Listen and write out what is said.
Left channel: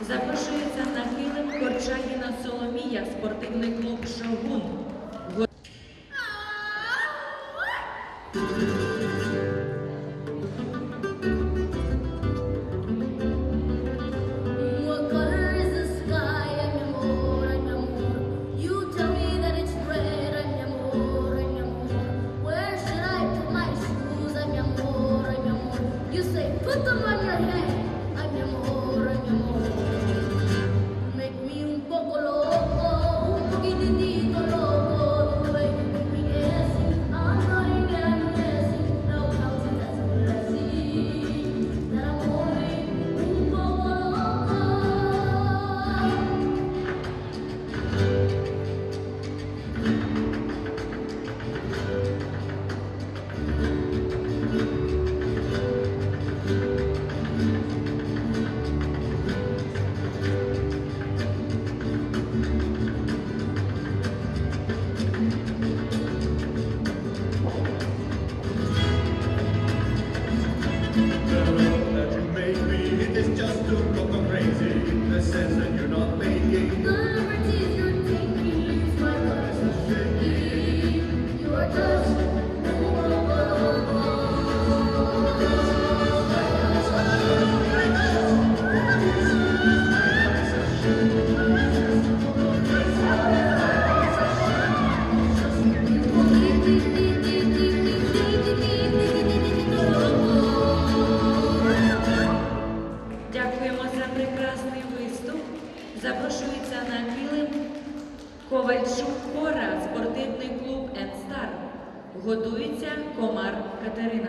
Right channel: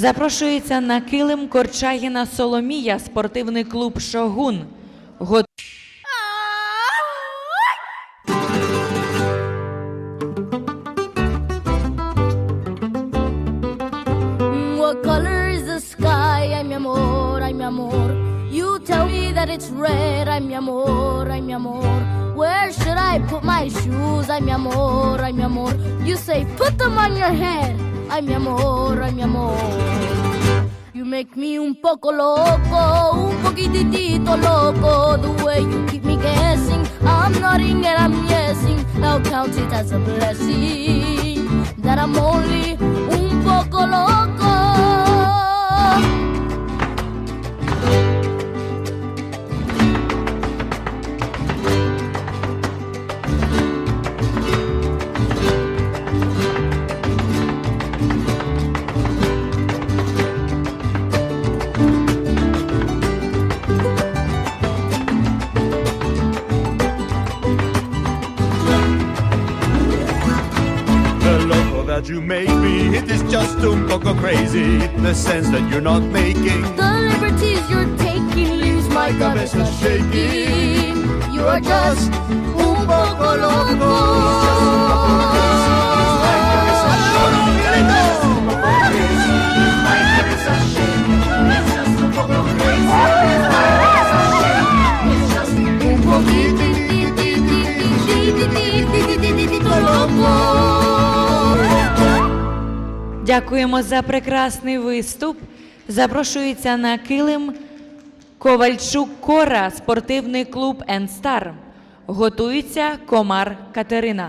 Запрошується на килим Корчагіна Соломія, спортивний клуб Шогун. Го- What color is the sky? Ay, mi amor, ay, mi amor. You tell me that it's red. Ay, mi amor, ay, mi. Where should I put them on your head. Ay, mi amor, poco loco, un poquitito loco. The way you keep me guessing. I'm nodding and I'm yesing. I'll count it as a blessing. That I'm that you made me, it is just un poco crazy in the sense that you're not making. The liberties you're taking leaves my gut shaking. You are just Дякуємо за прекрасний виступ. Запрошується на килим Ковальчук Кора, спортивний клуб Енстар. Готується Комар Катерина.